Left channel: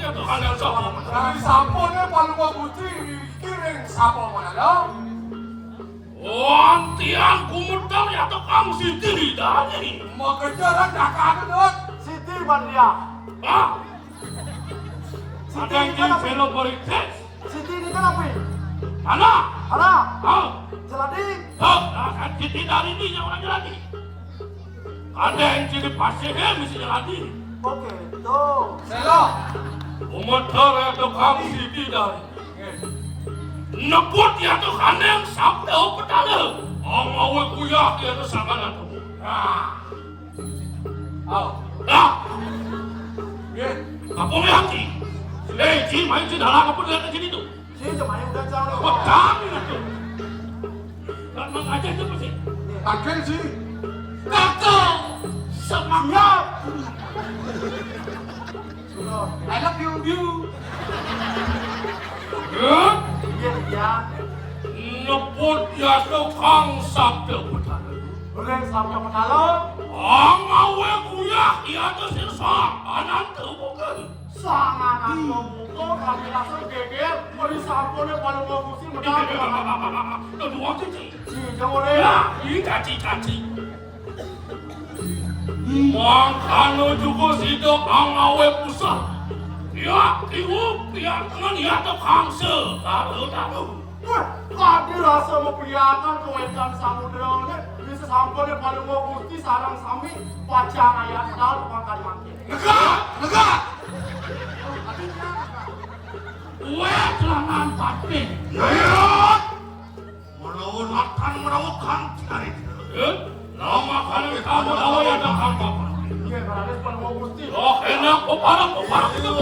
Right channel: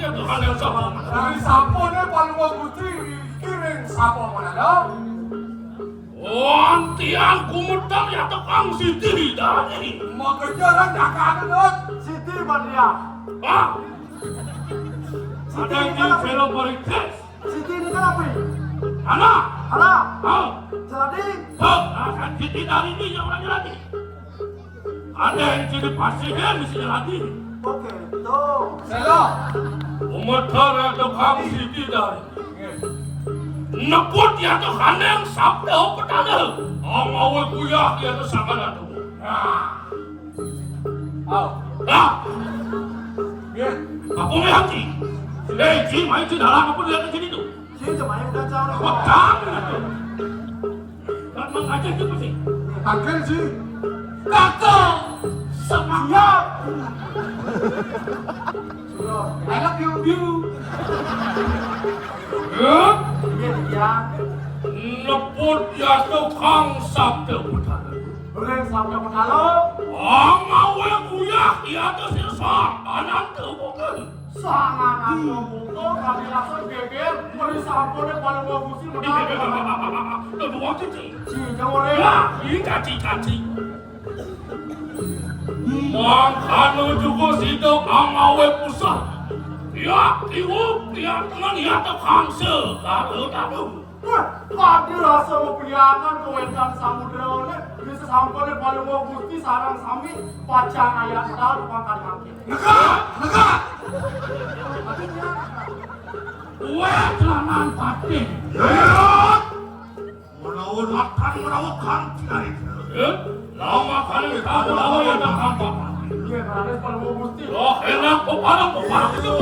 ya Tuhan yang sapa. Dari sapone Paluwa Gusti kiring sapa mana? Wantian kumutang ya Tukang Siti tadi. Mengejar cakakan Siti Maria. Ah. Ada yang velo politik. Siti ini kan apa? Anak. Anak. Ah. Jadi. Oh, akan Siti dari ini yang lagi. Ada yang jadi pasien mesti lagi. Oke, tuh. Selo. Umatar ya Tukang Siti tadi. Neput ya Tuhan yang sabda petana. Ang awal kuyah ya tu sakana tu. Au. Ah. Ye. Apa me hati? Ji main di dalam apa dia ke sini tu? Sini cuma yang dancang ni. Kau tak itu. Tak mengajar tu pasti. Akan sih. Kakak. Semangat. I love you. Ya. Iya dia. Neput ya Tukang sabda petana. Bering sama penalo. Ang awal kuyah ya tu sesat. Anak tu bukan. Sangat aku buka kami langsung geger. Mari sampurnya Paluwa Gusti menang. Kedua cici. Si jangan Ya, ini caci-caci. Makanya juga situ ang awal pusat. Ya, ibu, ya tangan ya Tukang tahu. Wah, kadi rasa mempiangan kewentan samudera ni bisa sampai di Paluwa Gusti sarang sami pacang ayat tahu depan kali mangkin. Negak. Kue celangan tapi. Merawatkan cari. Lama kali kita tahu yang dah apa. Iya, berada di Paluwa Gusti. Oh, enak kepala itu.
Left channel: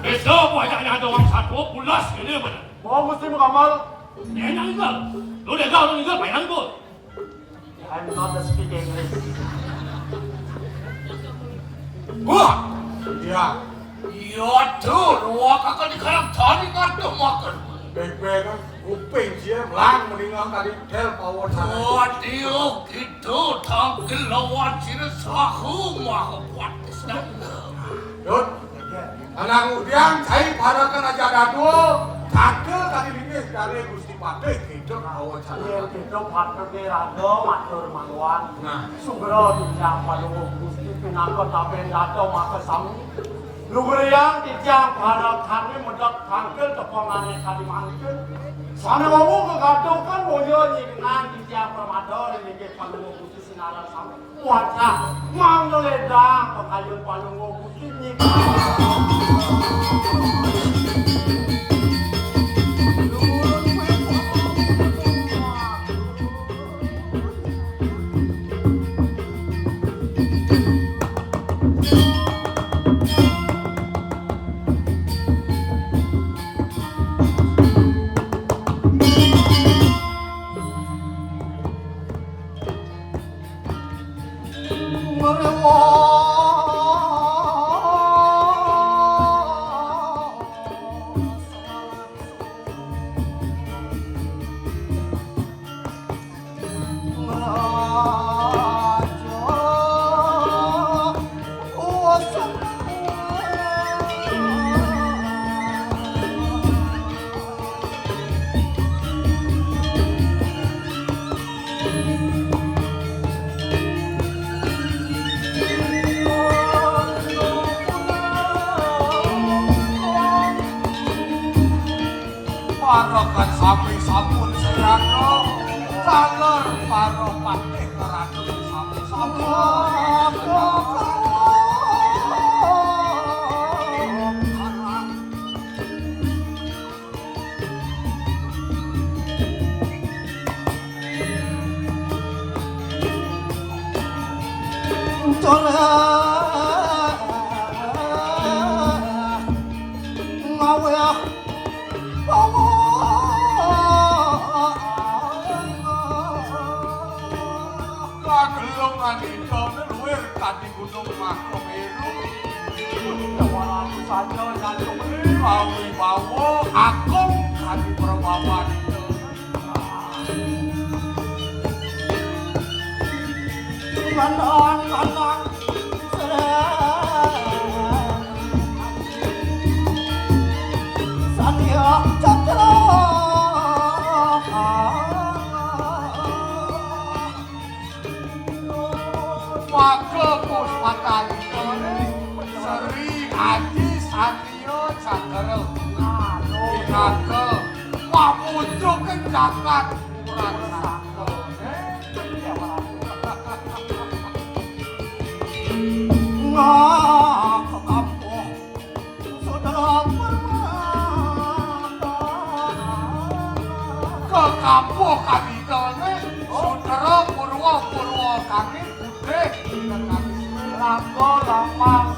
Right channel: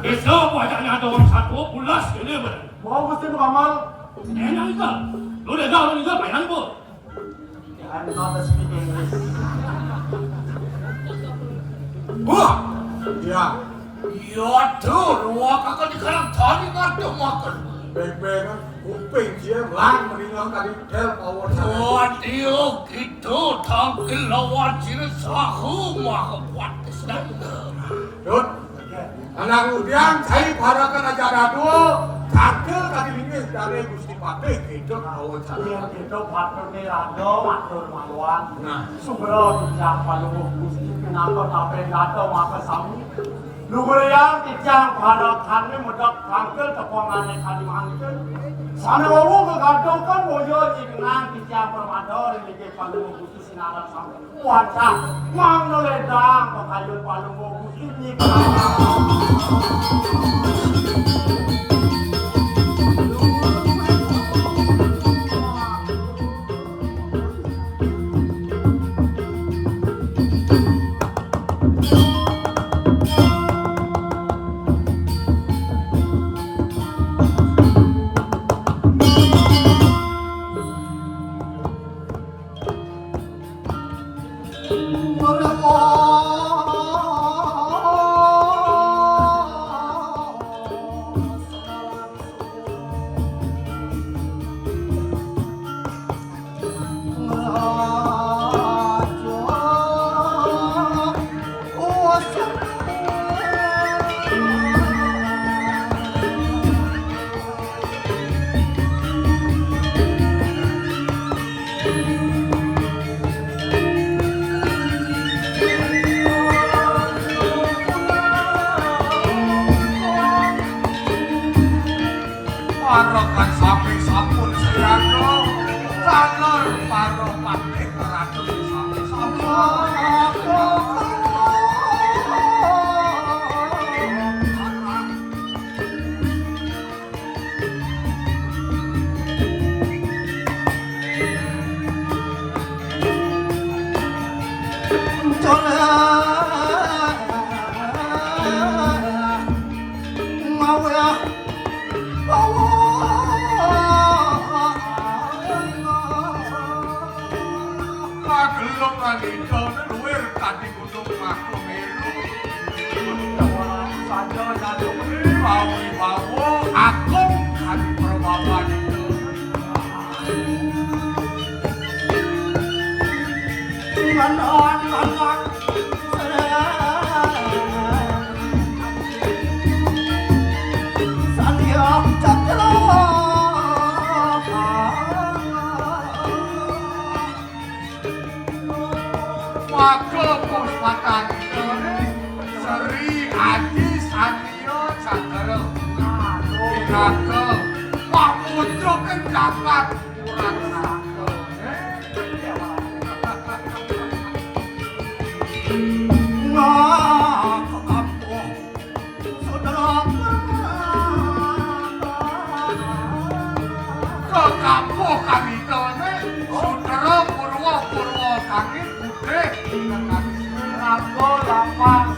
Besok banyaknya ada orang satu pulas ini benar. Mau Gusti Muhammad. Enak juga. Lu dah tahu juga mainan pun. I'm not speaking English. Gua. Ya. Ya tuh, ruang kakak di kalang tadi kan tuh makan. Baik-baik kan, kuping dia melang meninggal tadi tel power sana. Waduh, gitu tangkil lawan ciri sahu mah kuat sedang. Dut, anak udiang cai parakan aja dadu. Tangkel tadi ini dari Gusti Patih hidup power Iya, sana. kita patut gerado, matur maluan. Nah. Sumber tidak Paluwa Gusti kenapa tapi datang maka sami. Lugur yang tidak pada kami mudah tangkel tepongan yang kami mangkel. Sana mau kegadau kan mau jadi nang tidak permador ini ke Paluwa Gusti sinaran sampai kuatah mangledang pekayu Paluwa Gusti ini. Parakan sapi sampun sayangno, salor paro patih ratu sapi sampun. Manito luwer tadi gunung Makomeru. Orang saja jatuh Bawi bawo agung kali perbawan itu. Maka puspakan Seri Haji Satrio Cakra Inaka wah muncul ke jagat kurang sangka wah ke kampung saudara ke kampung kami kene saudara purwa kami putih Rambo lapang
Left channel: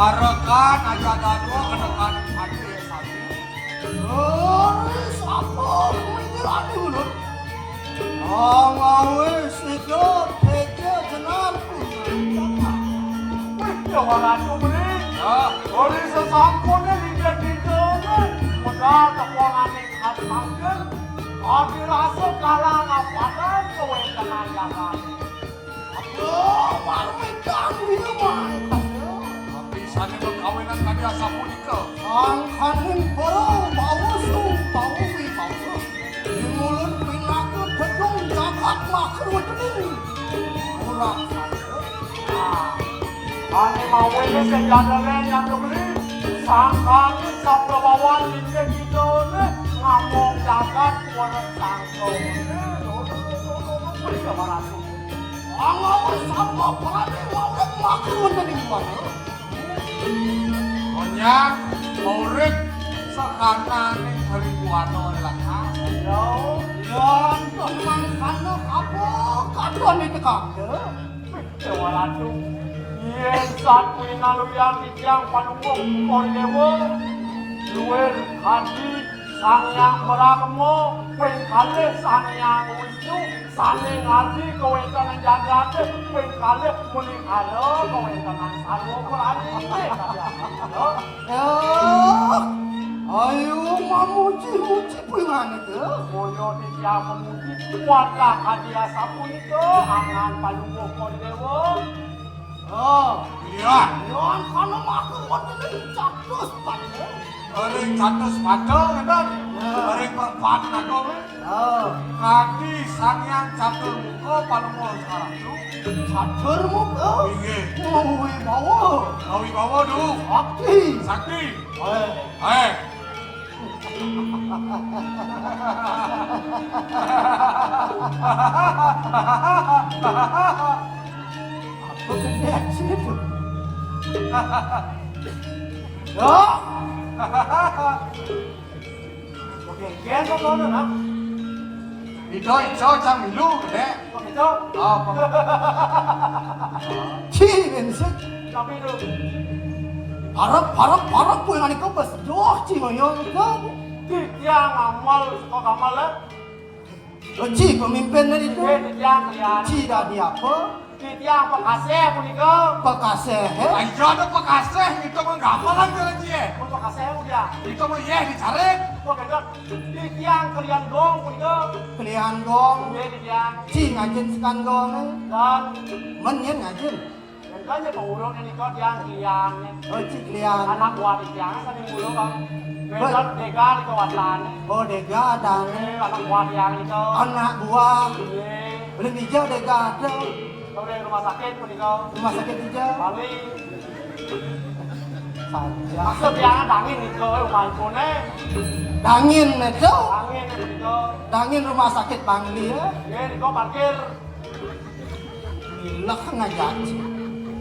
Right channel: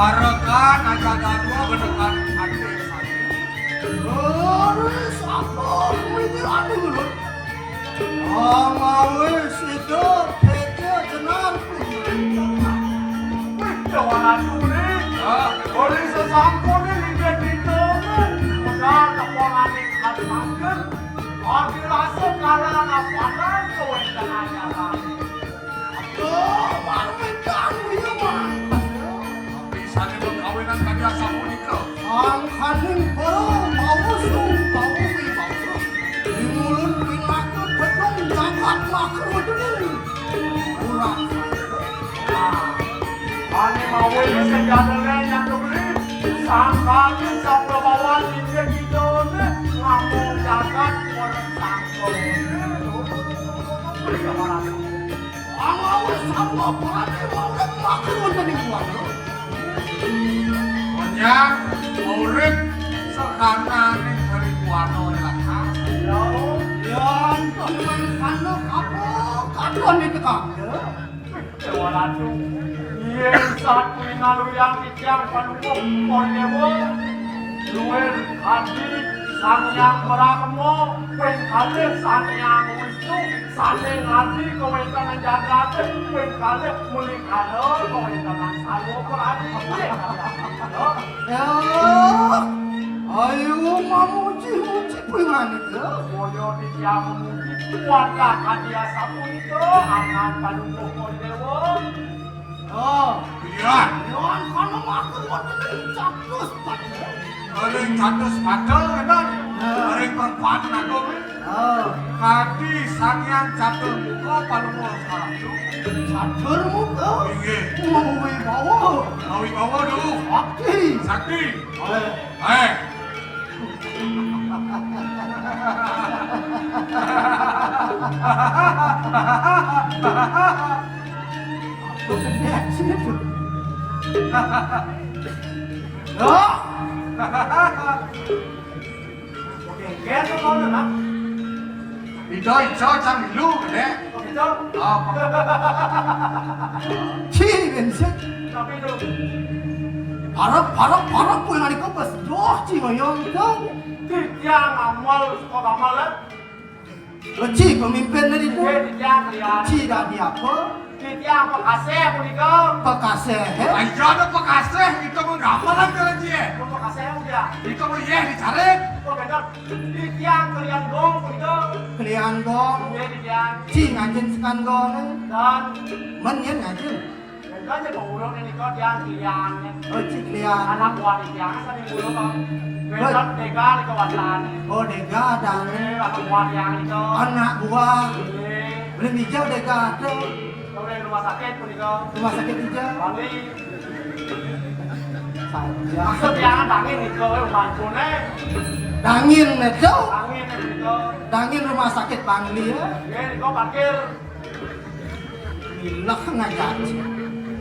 Parakan aja gadua benekan hati sapi. Sama ini anu. Awis itu teke jenar Orang duri, oleh sesampurnya lidah-lidah, modal tepongan ikat mager, lagi rasa kalah nampadan kowe tenaya kami. baru menjadi tapi sana berkawinan kaya sapunika. Angkaning bau wi bau. Di mulut pinaku gedung jagat makro ini. Kurang Ani mau ini sejadanya yang kebeli, sangkali sabda bawan lidah gitu ne, ngomong jagat boleh sangkong. Angawis sama berani walet makro tadi buang. Konyang urip sekanane ribuano lakang. Yang teman kanu kapok kaduan itu kakde. Waratu, yen saat mengalu yang dijang panunggung kordewo, luwer haji sang yang berakemo, pengkale sang yang wisu, sane ngaji kawentan jagate, pengkale muling halo kawentan salwo korani. Ayo mamuji pengen itu. Koyo dijang memuji warga kadia sapu itu, angan panunggung kordewo. Iya. Yang kalau makan buat ini capcus banget. sing satu sepatu kan bareng perpaduan aku kaki sangyang jatuh muka palungo salatu Catur muka. inggih Mau bawa dulu sakti Aku kedek sini pun. Oke, kaya ko mo na. Ito cang lu gede Ito. 치면서 Tapi itu. 바로 보이만이 꺾었어. 좋지 뭐 영도. Tiang amal kok amal lah. 어찌 pemimpin itu? Tiang kalian. Tidak di apa? Tiang pekasih punika. Pekasih. ayo ada pekasih itu mah gampalan jalan dia Pun pekasih dia. itu mah ye dicari Kok kaya tiang kalian gong punika. Kalian gong. Tiang Ci ngajin sekan gong. dan Menyen ngajin. kan je pengurung ini kok tiang kalian. 어찌 kalian. Anak buah di tiang sering ngurung kan. Besok deka di kawasan. Bodega ada. Anak buah tiang itu. Anak buah. Iya. Belum hijau dega ada. Kemudian rumah sakit punika. Rumah sakit hijau. Bali. Saja. Maksud yang dangin itu mancune. Dangin itu. Angin itu. Dangin rumah sakit Bangli ya. Ya, di kau parkir. Gila ngajak.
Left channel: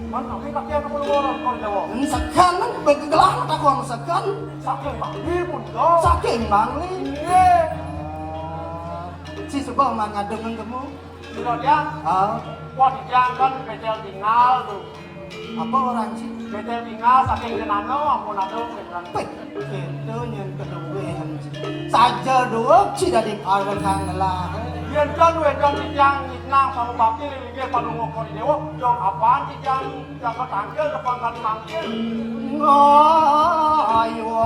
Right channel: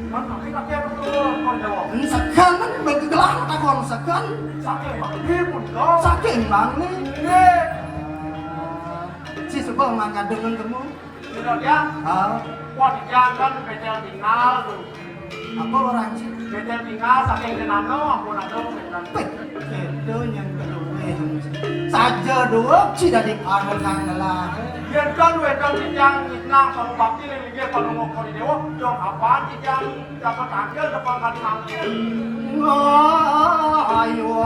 Kan tapi kaki aku perlu kau jawab. Sekan begelang takon sekan. Sakit banget pun kau. Saking Bangli. Iya. Si Subah mangga dengan kamu. Tidak dia. Wah dijangkan betel tinggal tuh. Apa orang sih? Betel tinggal saking jenano aku nado betel. Itu yang kedua. Saja dua tidak dikarang lah. Biar kan wedang dijang nang sama bakti ini dia pada ngokor di dewa. Yang apaan dijang jaga tangkel depan kali nangkel. Ayo,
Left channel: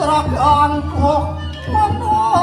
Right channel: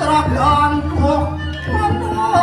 cerakan kok mana?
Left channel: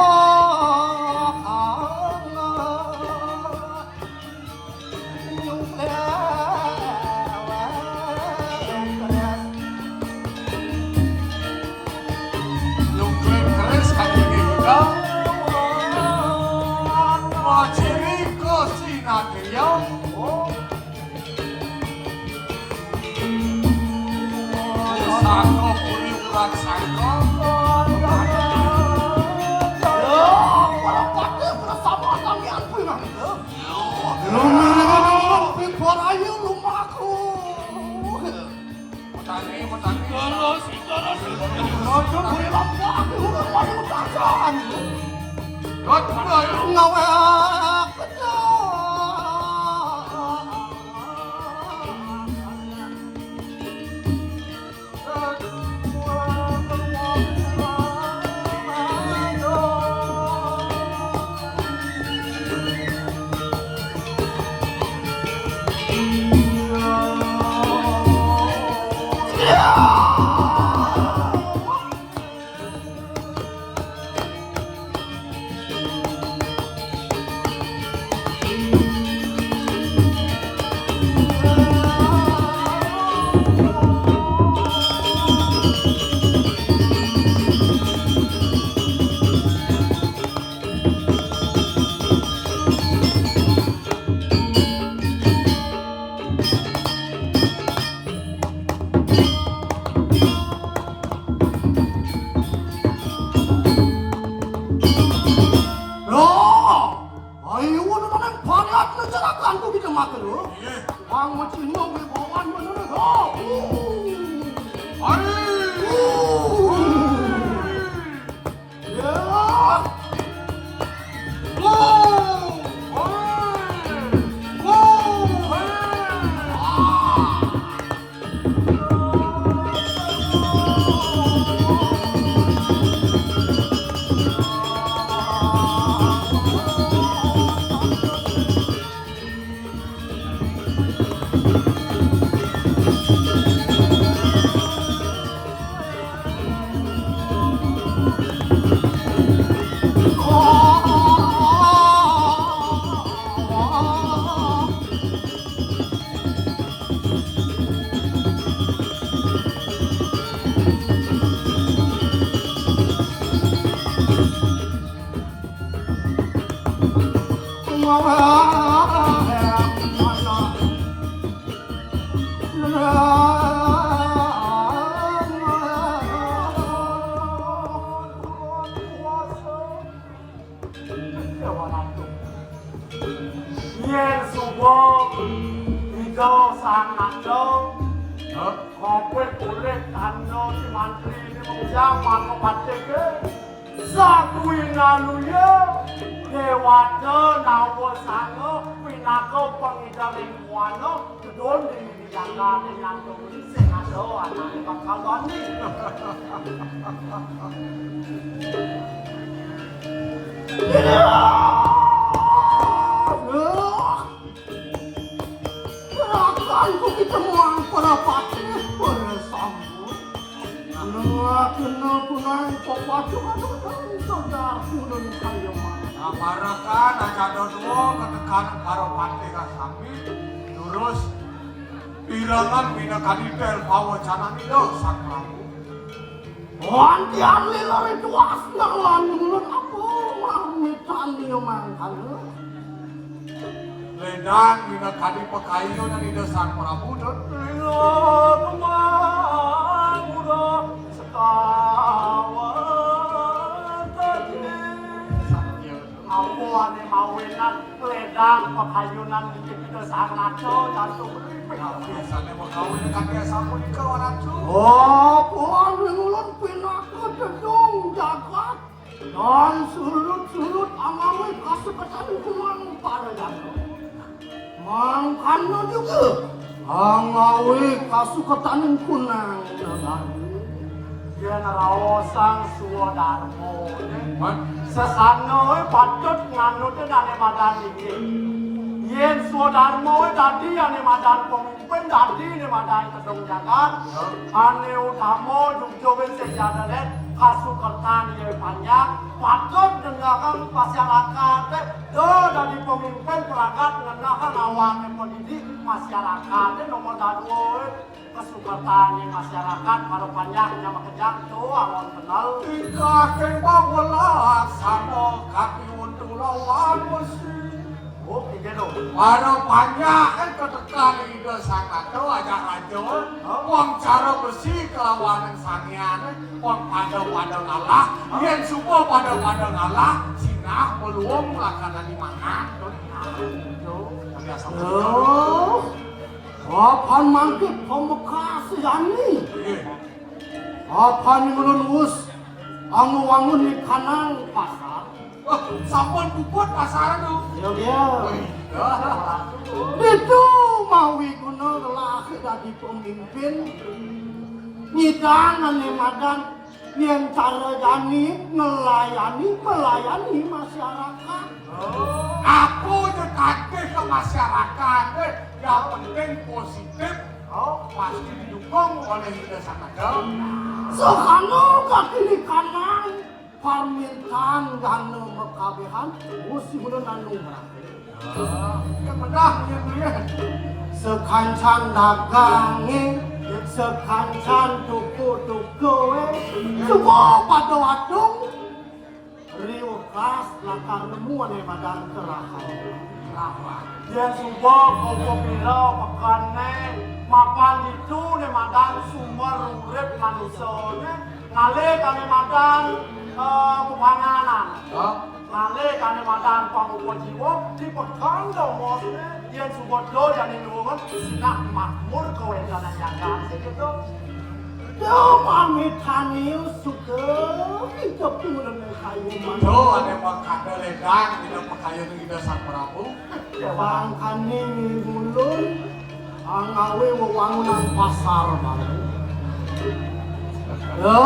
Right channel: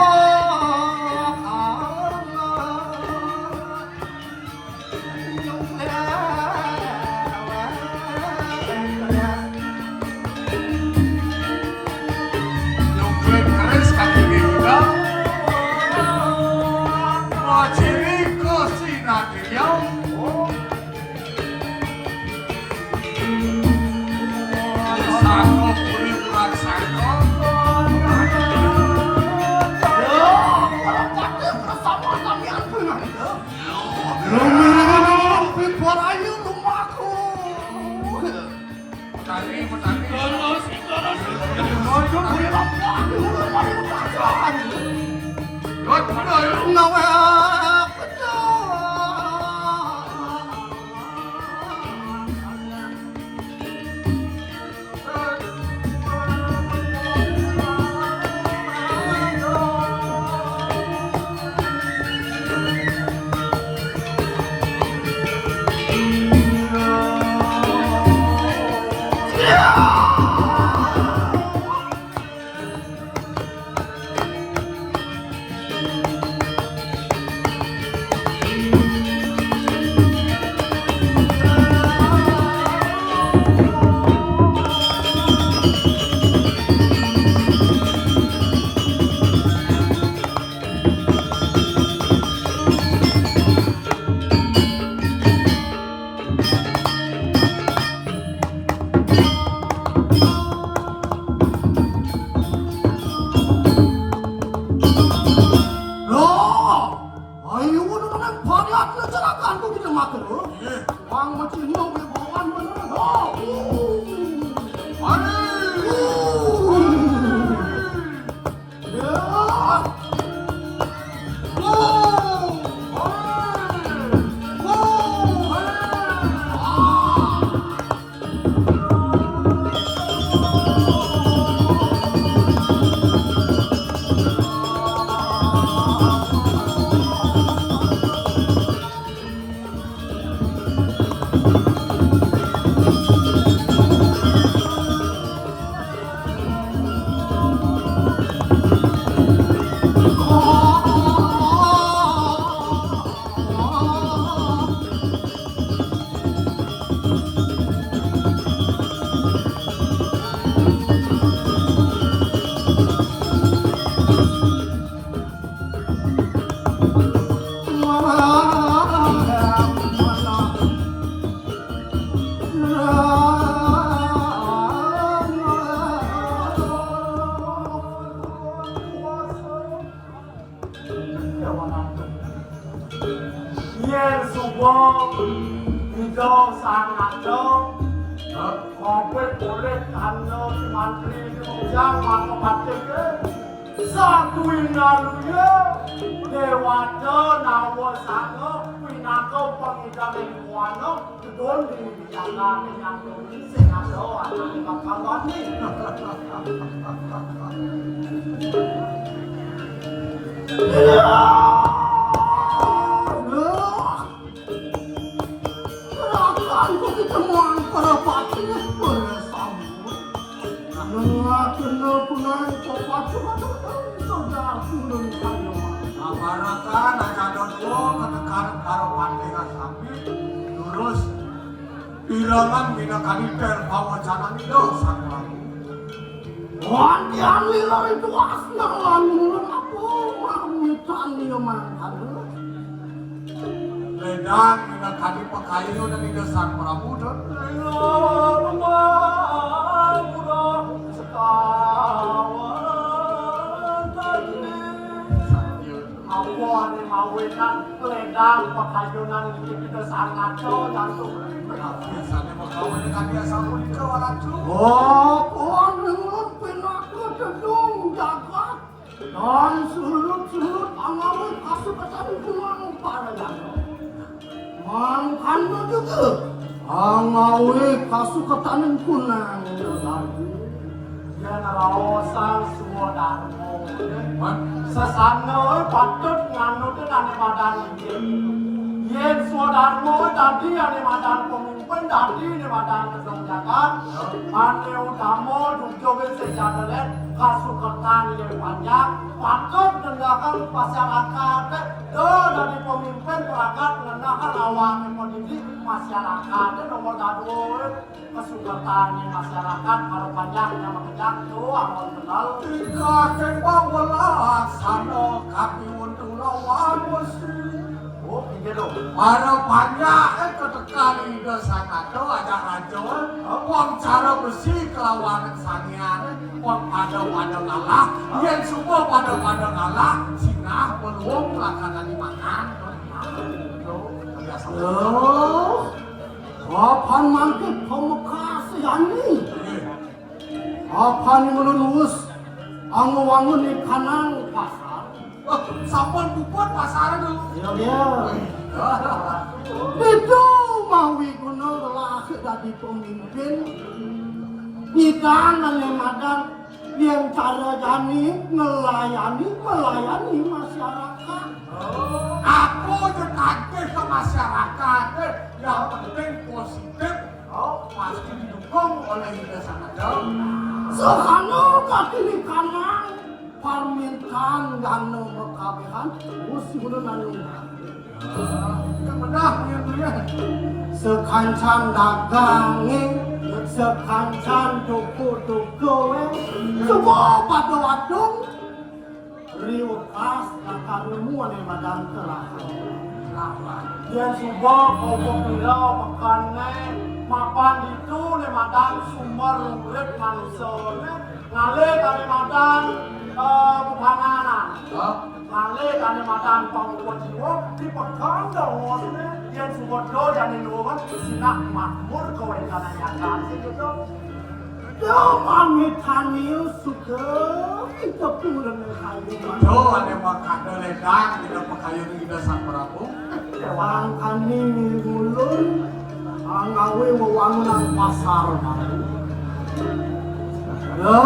Ido sangat dong. Kowe boleh tano si mantri di menjang maka pateke. Sakuina luya dewata nawa sano pinako pengidam kuano kedon di jaga yang sing ado ana bakal ni. Aku kita muang para pati bersambut. Kena punai kopat sudah belum kayu mana. Aparakan akan dodo ketekan karo pandega sambil lurus pirangan bina kaniter bawa jangan itu sang Prabu. Wanti anli lari tuas nang mulun aku mamitan yo mantan. Ledang bina kani pekayu nang ide sang Prabu dan Lino rumah muda sekawan tadi. Awan yang mawenan ledang pakayunan kita sangat langsung. biasanya mau dengan dia sampun itu acu. Oh, pohon mulun pinaku dedong jagat. Dan sulut-sulut angawi kasupatan kunang pada jagat. Mangkannya juga angawi kasukatan kunang lagi. Dia nerawasang suwadarmo. Sesana patut nganut ane madan ini. Yen suwadarmo tadi ane madan pemimpin tadi ane madan kedong jagat. Ane utama dukjogin sejadalet kasukatan yang panjang. Patut dengarkan masyarakat. Dari pemimpin perangkat dengarkan awang pendidik masyarakat. Nomor dua kesukatan masyarakat kalau panjangnya mengejar tuh awal kenal. Jika kembang welas sama kaki untuk lawan besi. Oh, gitu loh. Para banyak ketekan ide sangat tuh ajak racun. Uang cara besi kelawanan sanian. Uang pada ngalah. Yang semua pada ngalah. Sinah peluang melakukan di mana. Oh, apaan mangkit pemekas yani? Apaan melulus angu-angu di kanal pasar? Sampun puput pasar tuh. Dia. Itu mawi guna lelaki dari pemimpin. Nidan ane madan yang cara jani melayani masyarakat. Aku dekatkan ke masyarakat yang penting positif. Pasti didukung oleh ide sangat jauh. Soekarno kaki di kanan permintaan gano berkabehan musim bulan Yang benar ya. sekancan dagangi sekancan toko-toko semua pada wadung riukas lakar nemu oleh badan terakhir. Yang subah kau bila makannya makan itu ne madan sumber urip manusia ngale kane madan pemananan ngale kane madan pangukuh jiwa di perkara dong yang subah do yang nyuwun sinak makmur kowe jalan yang gitu. Yo mami tani suka kita pulang kayu Yo ada makan ledang tidak pakaian kita sang Prabu. Bang kani mulun angawe wangunan pasar baru. Ya,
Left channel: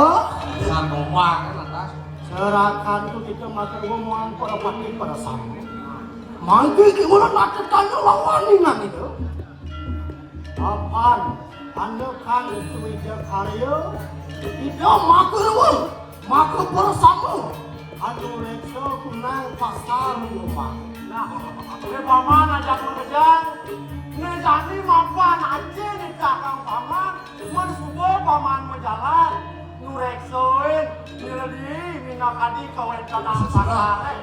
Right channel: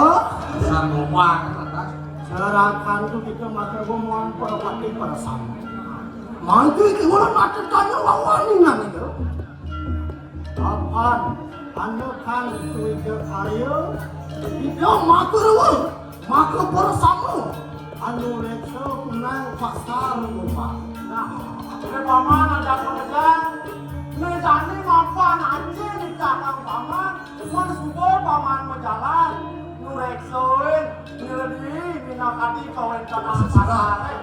Sang rumah kan. serahkan tu kita masih ngomong perwati perasaan. Mangki kita nak tanya lawan ni nang itu. Apaan? Anda kan kerja karya, kita makan bersama. Anda leksa kunang pasar lupa. Ini paman ada pekerjaan. Ini jadi mapan aja di kakang paman. Mau subah paman mau jalan. Nureksoin, niradi, minakadi kau yang kenal pasar.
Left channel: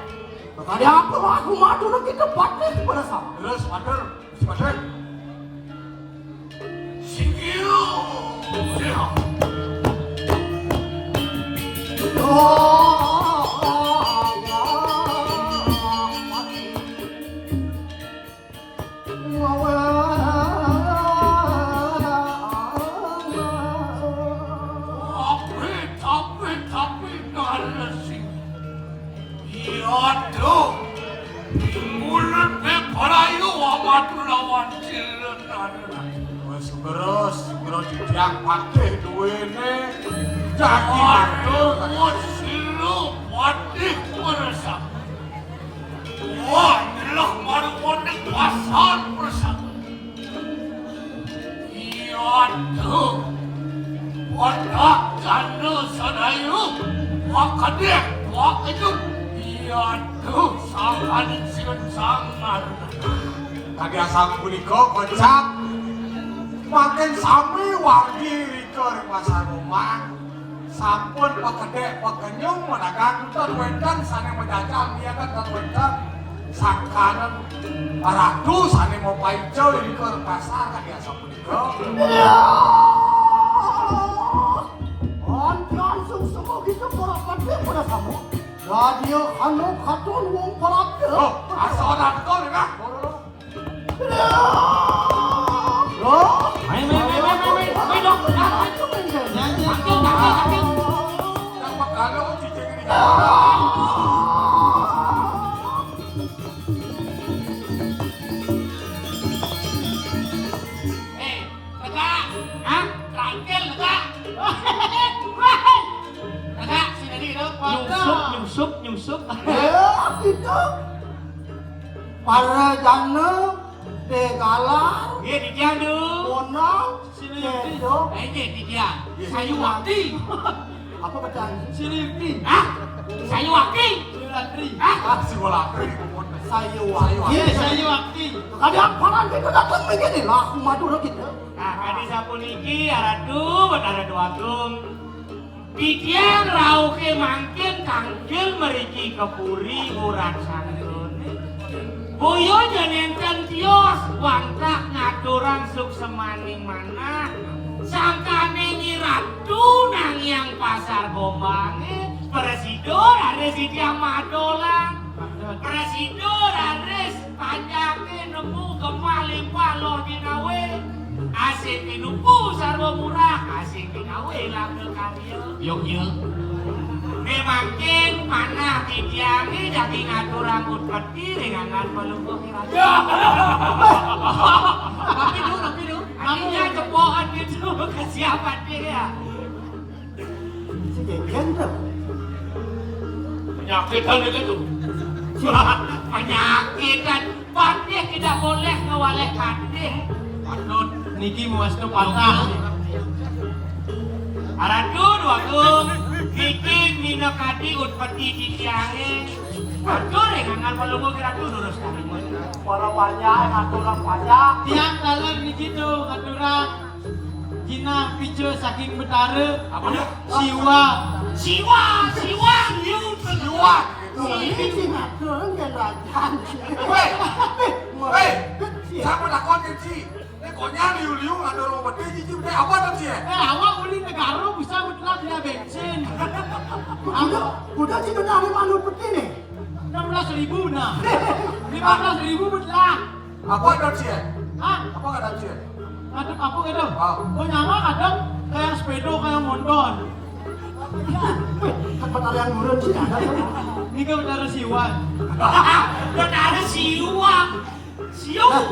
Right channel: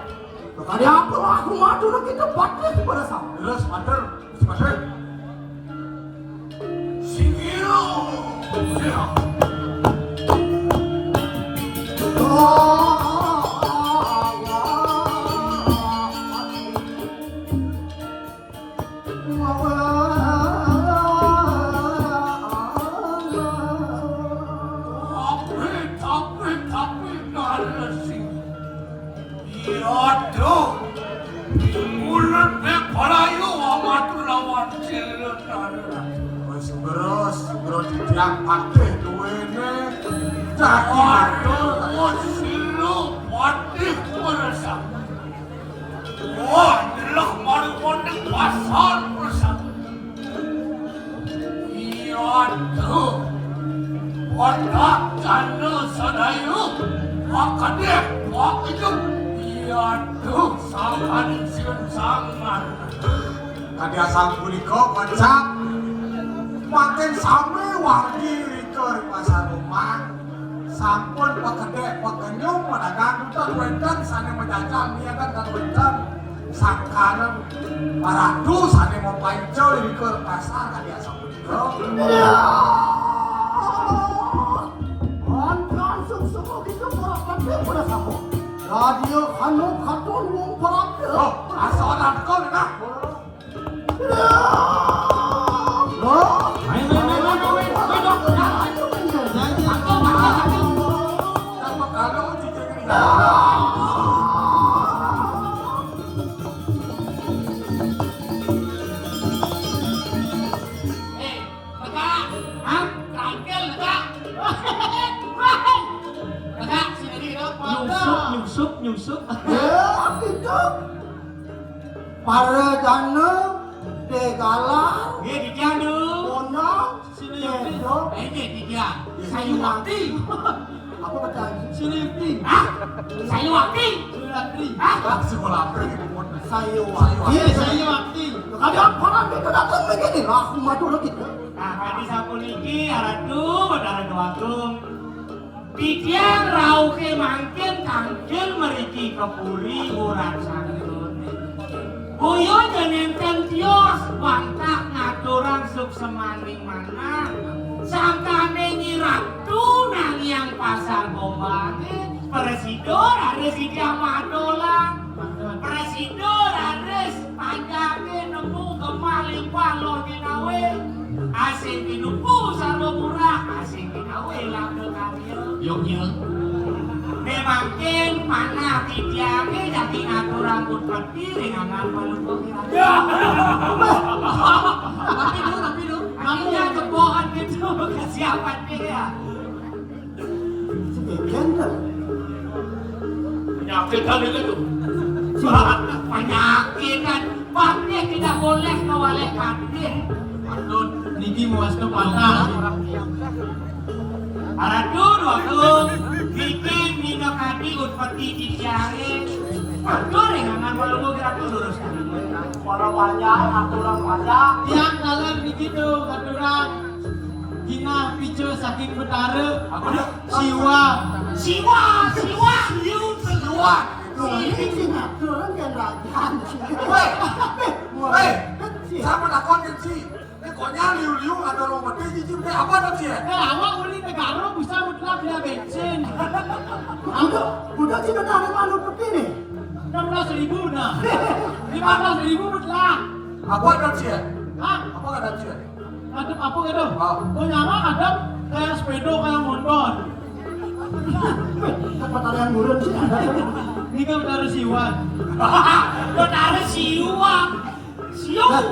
Tadi aku madu kita pakai bersama. Terus mater, mater. Singgiro. Ya. Lawan Aduh, mulut palayu amat lawan ciletan. Beres didiang patih duwene. Jadi Aduh, silu patih merasa. Wah, inilah maru-maru pasar merasa. Aduh, wadah janda sadayu, makadek wak itu. Aduh, sampan siun sangat. tadi asal punika kocak makin sami wangi rika di pasar rumah. Sampun pakedek pakenyung menagang utan wedan sane mendagang niaga kan wedan sakaran paradu sane mau pancau rika di pasar tadi asal punika. Langsung semua kita berapa pada sama. Radio anu katun wong parade. Oh, asal orang kau enggak? Kalau cicing ini. Nyusup. Ya, itu. Para jana Degala, Di dia tu. Bonang, Sedo, Di dia. Saya wakti. apa bacaan? Sini. Saya wakti. Si bola api. Saya wakil. Iya, saya wakti. Kadang parang kita datang begini lah, madu lagi. Kadi sapuniki aradu aradu agung. Pikian rauke mangkin tangkil meriki kepuri urat sanun. Boyo jenenten tios bangtak ngaturang suk semani mana. Sangkane nyiratu nang yang pasar bombange. Presidor ares idia madolan. Presidor ares panjake nemu kemaling balon dinawe. Asing dinupu sarwa murah, asing dinawe label karya. Yuk. Memangkin mana tidiange jadi ngatur rambut peti dengan ngalpelupuk Tapi dulu. Akhirnya kepohan gitu kesiapan dia. Gender. Penyakitan itu. Penyakitan. Patnya tidak boleh kewalek hadir. Aduh, niki muas ke patah. Aduh, bikin nino kadi utpati tidiange. Aduh, dengan peluru gerak dulu sekali. Para banyak, aturan banyak. Tiap dalam begitu aturan Gina picu saking betara Siwa Ini sinetron yang rakyat. Hei, saya melakukan sih. Ini koknya liu-liu ada orang mati cici udah apa tuh sih? awak beli negara bisa mutlak dia bensin Udah sih udah ada malu begini. 16.000 nah 15.000 mutlak Apa tuh sih? hah? Apa kata sih? Ada apa gitu? Ah. Oh nyama ada kayak sepeda kayak motor Pertanyaan murun sih ada. ini kan betara siwan betara siwang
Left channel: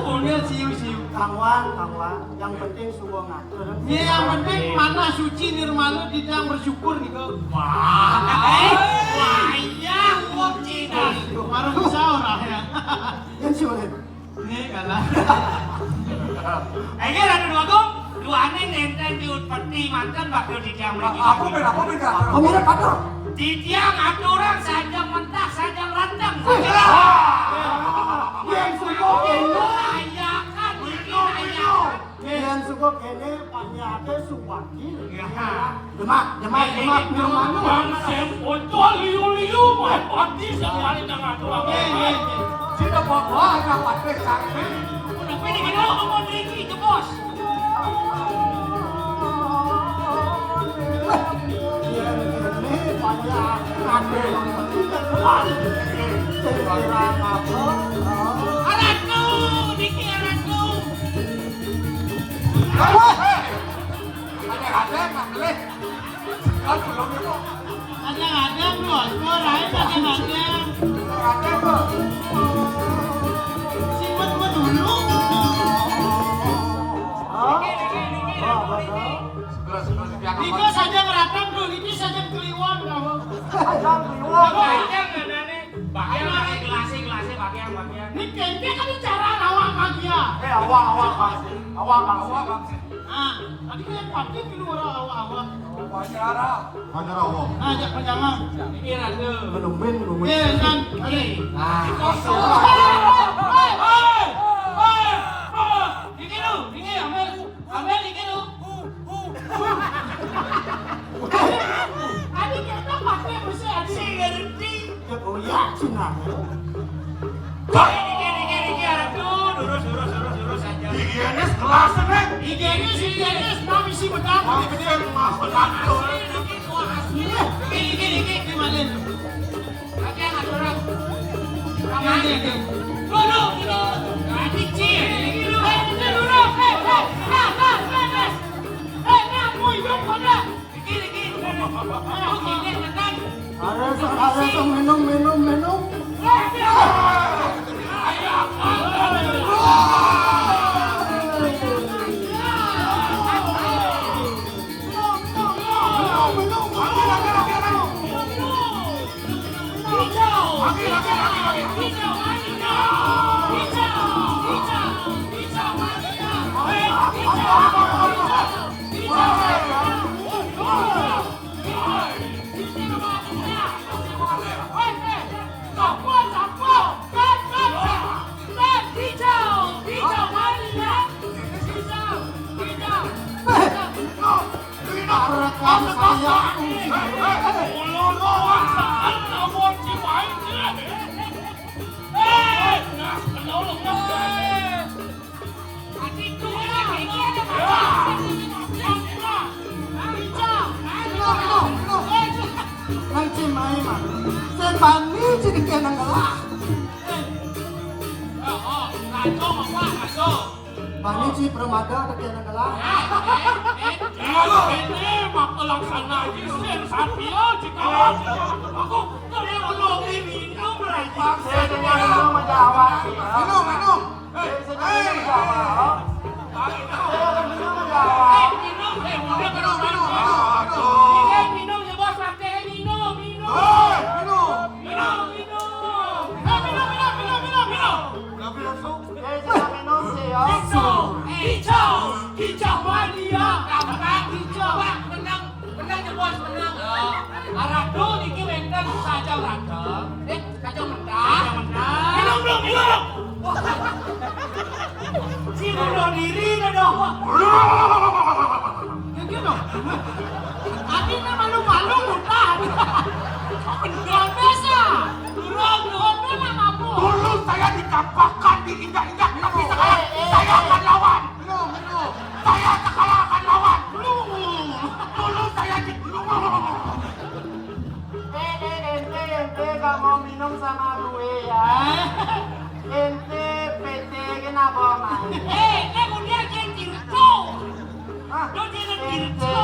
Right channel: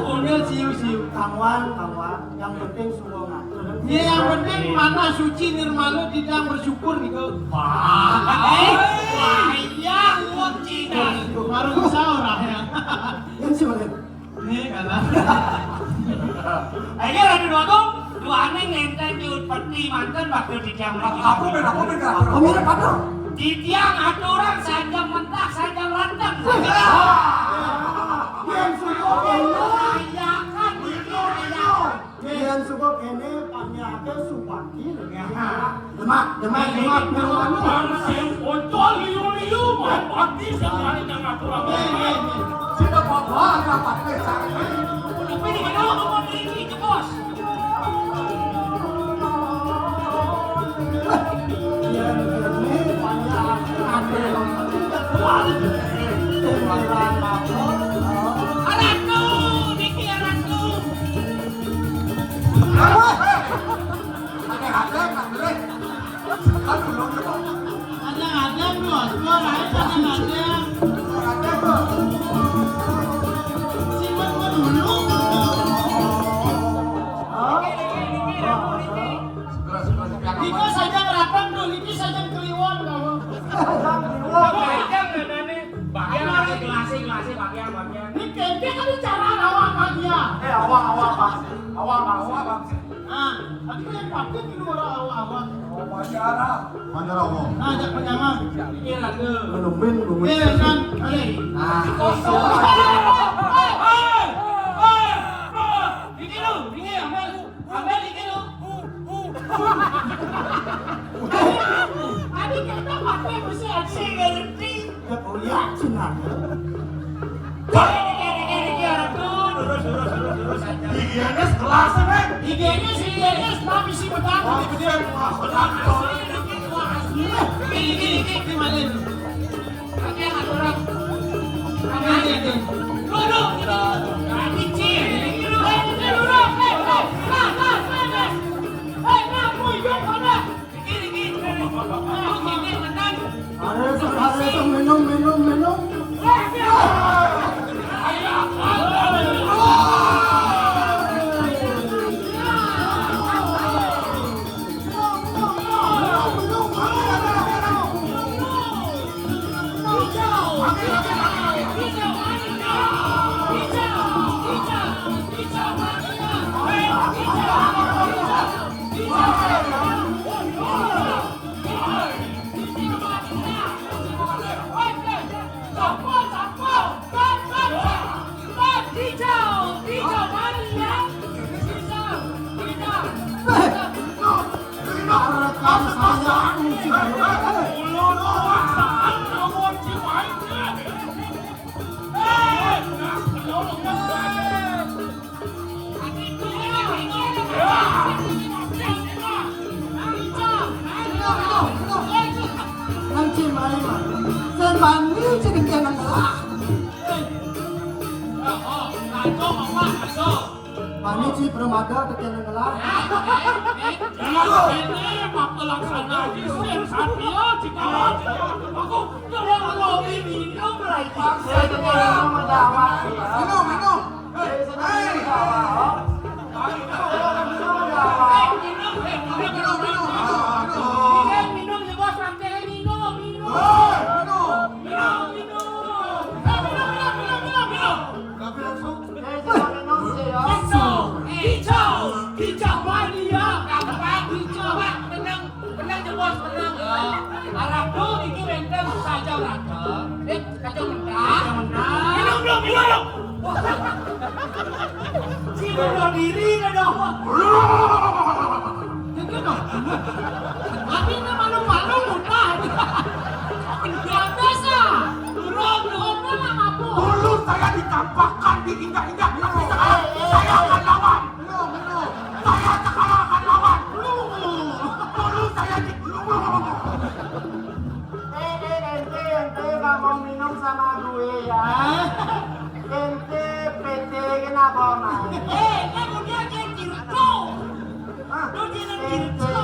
punya siu Kangwan, yang penting semua ngatur. ini yang penting mana suci nirmala tidak bersyukur gitu wayang suci dan baru bisa orang ya Yang sih mana? ini kalah ini ada dua aneh nenteng di utpati mantan bakal dijam lagi Aku beda. Oh mirip apa? didiam aturan saja mentah saja randang Yang suka kene, rayakan bikin rayakan yang suka kene panjake supaki. Demak. Pansen untuk liu-liu main pati sekali dengan aturan. Kita bawa anak pakai cari. tapi di kita ngomong Riki ke bos Yang kene panjake ade. Terang apa? anakku Riki anakku Ada, boleh. Sekarang belum itu. ada bos mau raih ada Wawancara. Wawancara apa? Ajak pertama. Pikir aku. Menemuin gue. Dan oke. Pikir lu, pikir Amel pikir lu. Tadi kita pakai bersih aja ngerti. Ya kau yakin lah. Higienis kelas ini. Higienis, tapi si betul. Gini, gimana? Pakai nggak orang? Gini. Duduk. Kicil. Ada minum. Nanti main, sembani sedikit nengah. Paniji permada sedikit nengah. Ini waktu laksana di sen Satrio Cikawas. Aku terlalu lobby minum lagi. Minum. Si bunuh diri dah dong. Tapi malu-malu muntah. Yang biasa. Turun pun lah kamu. Dulu saya ditampakkan di indah-indah. Saya akan lawan. Saya akan lawan. Dulu saya di... Ente gak mau minum sama gue ya. Ente PT kenapa main? Kemudian dia tirto. Lu jangan tirto.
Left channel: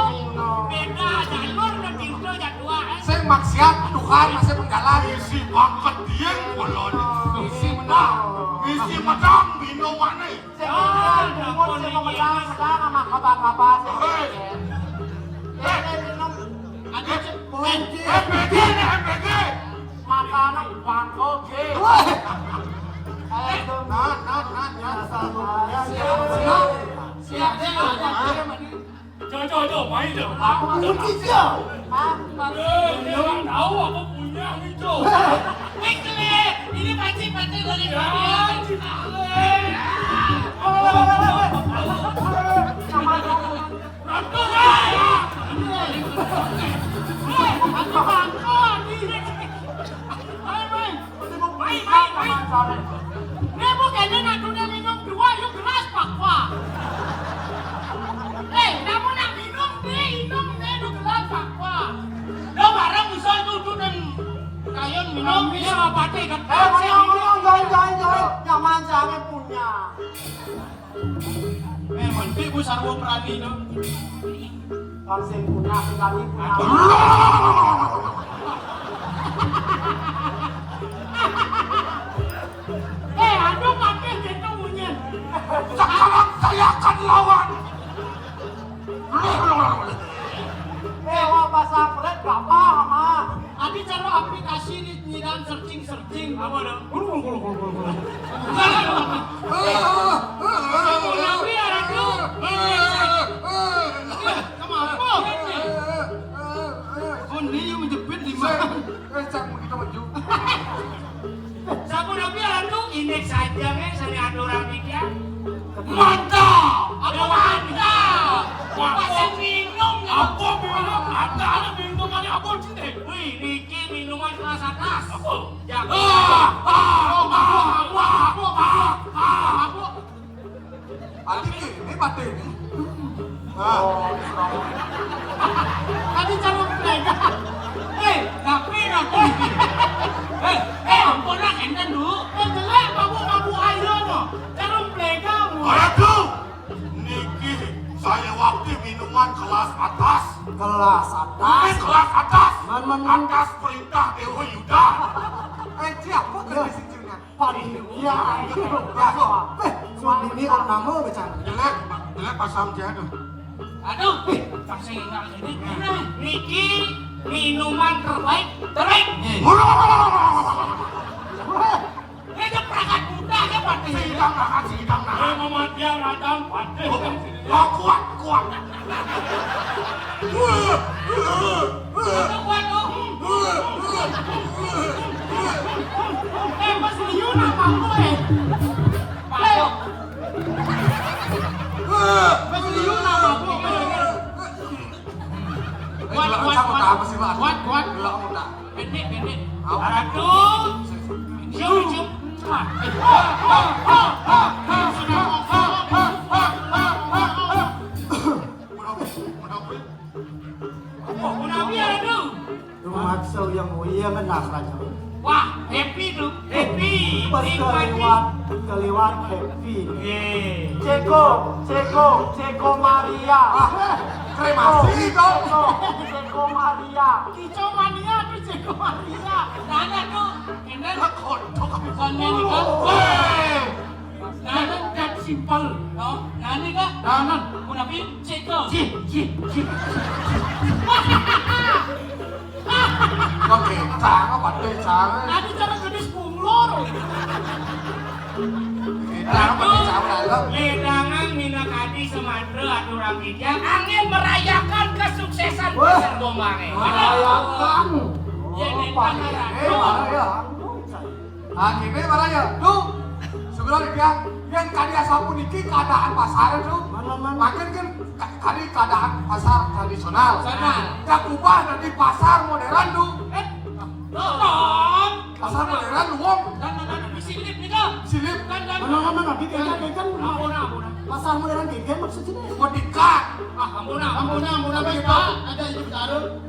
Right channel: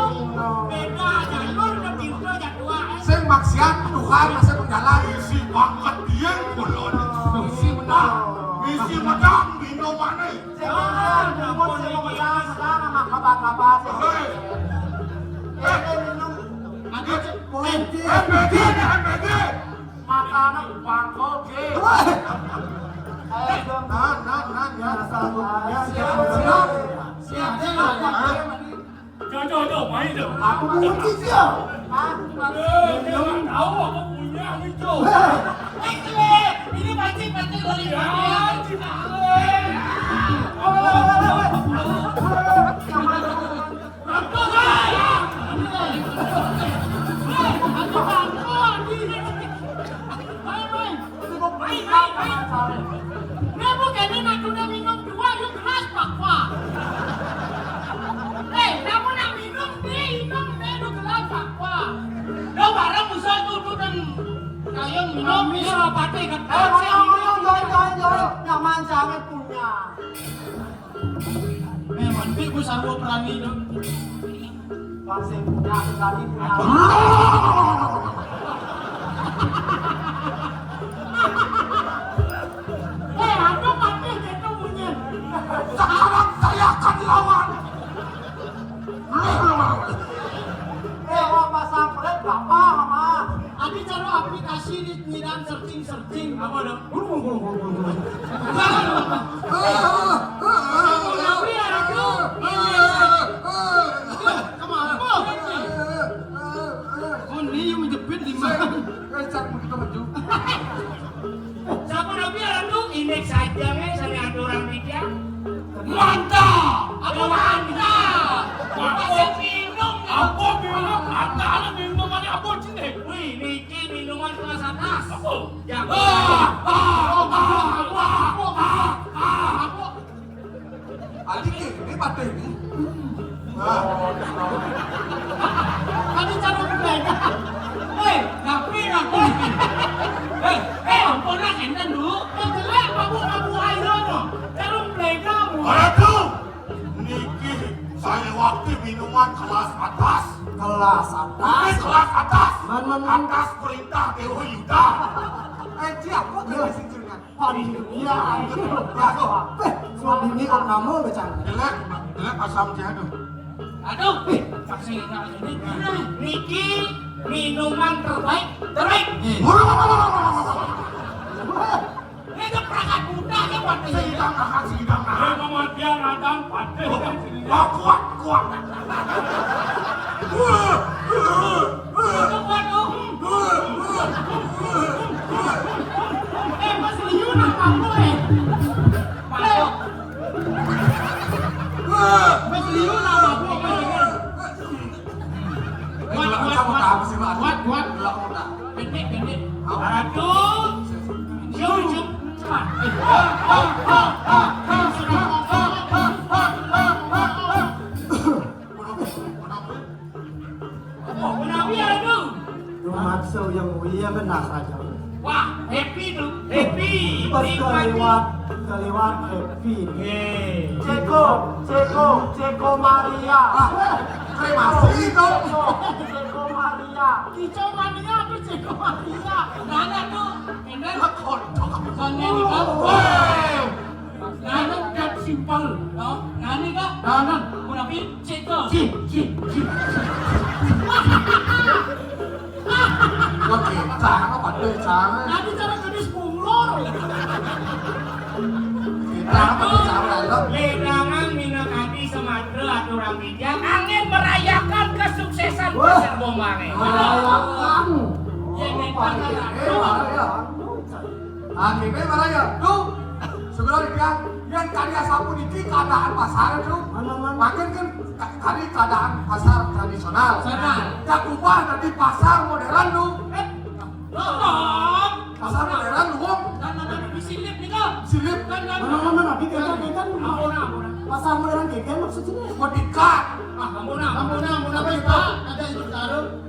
Beda jalur dan tirto yang kuat. Sing maksiat Tuhan masih menjalan. Misi banget dia kulon. Misi menang. Misi menang minum mana? Sekarang bungkus sebelah sama kabar-kabar. Ente minum MPG. makanan bangkok. Siap. Coba main dong. Aku belum kicau. Dia nggak tahu aku punya itu. Ini pancing dari minum bisa apa kan? Yang manjangnya punya. Mesti gue sanggup berani dong. Kalau saya punya, berani punya. Aduh pakai gitu punya. Sekarang saya akan lawan. Apa sampret gak paham ah. Adi cara aplikasi di nyiram searching apa dong? Tapi ada tuh. Kemana? ini yang menjepit di mana? Cak begitu maju. Sampun abi anu indeks saja sana ada orang bijak. Mantap. Ada mantap. Aku minum. Aku minum. Ada minuman apa sini? Wih, niki minuman kelas atas. Jago. Adik ini pada ini. Tadi cara mereka. Tapi aku. Ampun lah enten dulu. Jelek kamu ayo no. Cara mereka mu. Aduh. Niki saya waktu minuman kelas atas. Kelas atas. Kelas atas. Man. Atas perintah Dewa Yuda. Siapa tuh sinjungan? Ya, soal ini om nama becang. Jelek pasang jadu. Aduh, kasih ini. Niki minuman terbaik. Ini perangkat muda kan waktu ini. Sidang. Ngomong dia radang pada. Kuat. Mas Liu nama gue. Mas Liu nama gue. Kuat. Pendek. Aduh. Jum. Nabi aduh. Maksud yang mulia benar saja. Wah, happy tuh. Happy. Pas kelewat happy. Ceko Maria. Kremasi kau. Ceko Maria. Kicau mania tuh Ceko Maria. Nana tuh. Enak. Konnya nih kan. Nana dan simple. Nani kan. Nana. Kunapi Ceko. Oke, cang pada cang. Nani cara gadis bunglor. Cang pada cang dalam. Ledangan Minakadi Sumatera aturan bijak angin merayakan kesuksesan pasar Bombange. Merayakan. Jadi Akhirnya marahnya, tuh segera dibilang yang karya sapu niki keadaan pasar itu, makin kan kali keadaan pasar tradisional. Yang ubah dari pasar modern tuh, pasar modern tuh, Silip nih kau. silip Mana kita kan pasar modern kayak maksudnya. mau dikat. Ampun ada itu taruh.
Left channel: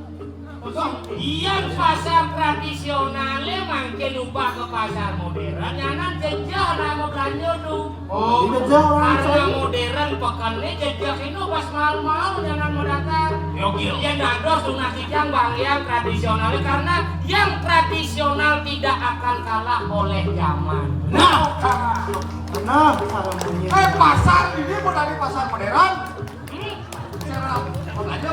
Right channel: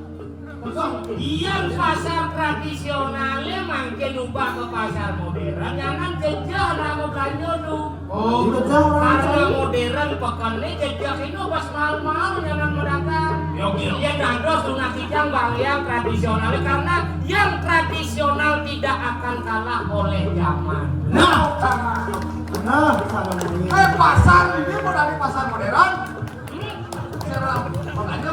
Yang pasar tradisionalnya makin ubah ke pasar modern, jangan jejak nama belanja tuh. Oh, Karena modern pekannya jejak itu pas mahal-mahal jangan mendatang. Yang nandos sunah kijang bang yang tradisionalnya karena yang tradisional tidak akan kalah oleh zaman. Nah, cara bunyi. pasar ini mau dari pasar modern. Cara modernnya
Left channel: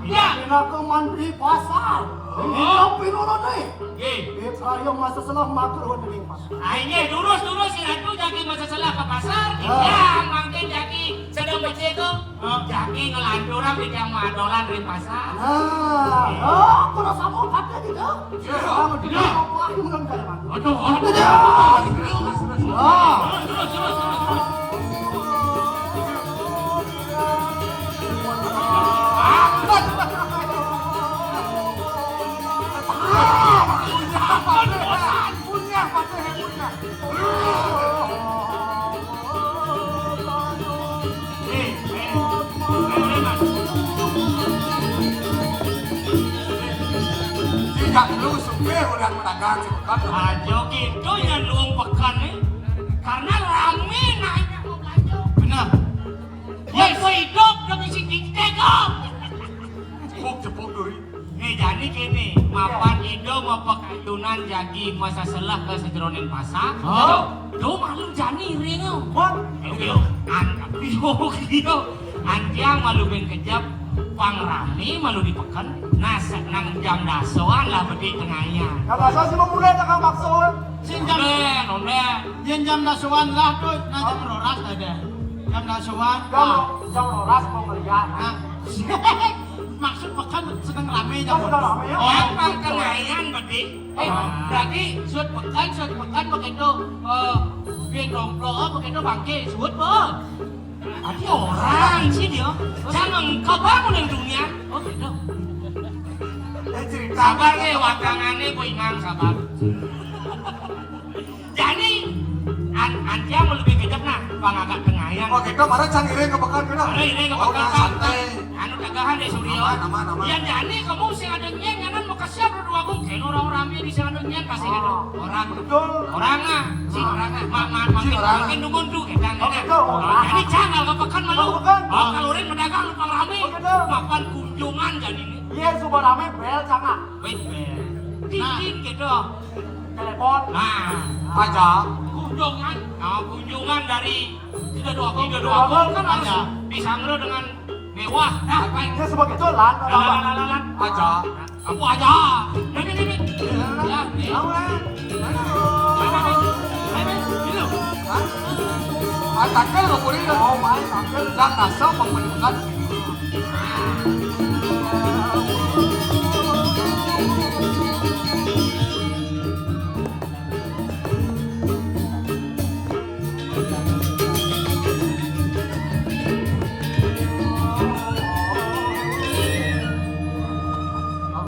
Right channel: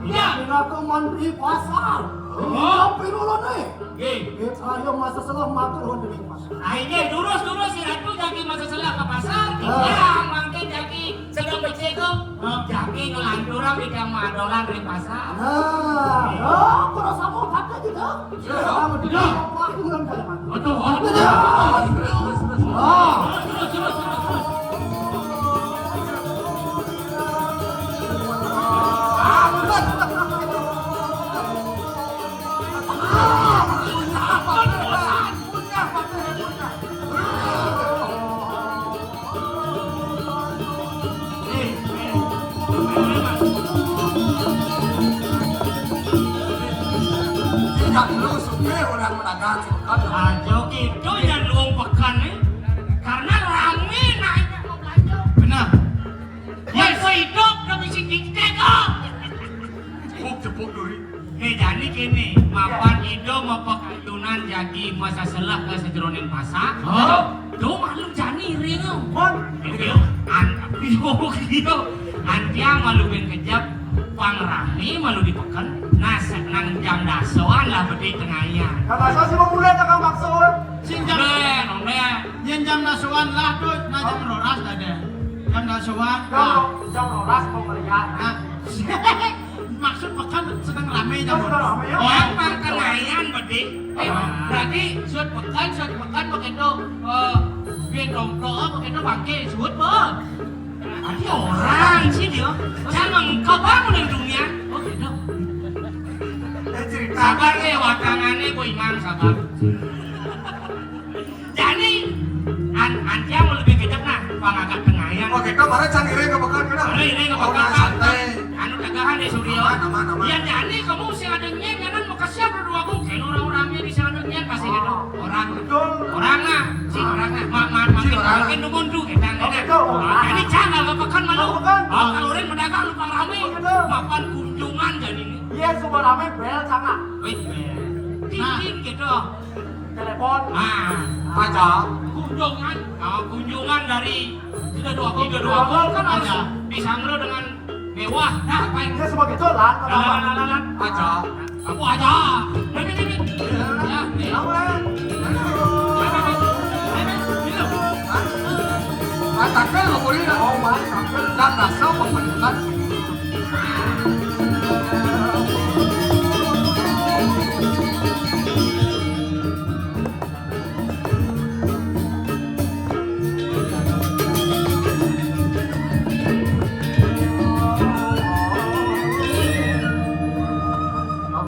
Ya, aku mandi pasar. Tapi dulu nih. Saya masa selah matur di pasar. Akhirnya durus si Ratu jadi masa selah ke pasar. Yang mungkin jadi sedang becek jadi ngelanturan bijang madolan di pasar. Kalau sama kata gitu. Sama dia. Aduh. tidak lu supir udah pedagang cepat. Ajo itu yang luang pekan nih. Karena rame naiknya mau belanja. Benar. Yang hidup lebih sedikit kok. Cepuk duri. Jadi kini, mapan itu mau pekayunan jadi masa selah ke sejeronin pasar. Tuh malu jani ringu. Antiang malu ben kejap, pangrami malu dipekan. Nasa nang jam dasoan lah bedi tengahnya. Kata saya sih mau mulai tak maksud. Jam dasuan lah tuh, jam roras ada. Jam dasuan. Jam roras mau beli Maksud pekan sedang rame Kan sudah rame ya. Oh, pertengahan berarti. Berarti sud pekan begitu gendong begitu bangke sud po. Berarti orang sih dia. Jangan kau bangun di dunia. Oh gitu. cerita Sabar wakangannya ku imam sabar. Jadi anjang lebih gedek nah pangagak tengayan. oh gitu mana can iri ke pekan kita Ada ini ke oh pekan. santai Anu dagahan deh Suryo. Aman. Ya jadi kamu sih ada nyen jangan mau kasih berdua mungkin orang ramai di sana nyen kasih gitu. Orang Betul. orang lah si orang makin numundu kita jadi jangan ke pekan malu. Pekan. Oh kalau orang mendagang lupa rame. Betul. Makan kunjungan jadi ini. Iya super rame bel sama. Wait, titin gitu. Telepon. Nah, aja kunjungan dari tidak dua kan ada pisang lo dengan mewah. Nah, apa yang Dia sebagai jolan. lalan aja kamu aja. Ini. Ya, nih. katakan lo boleh Oh my. dan rasa pembentukan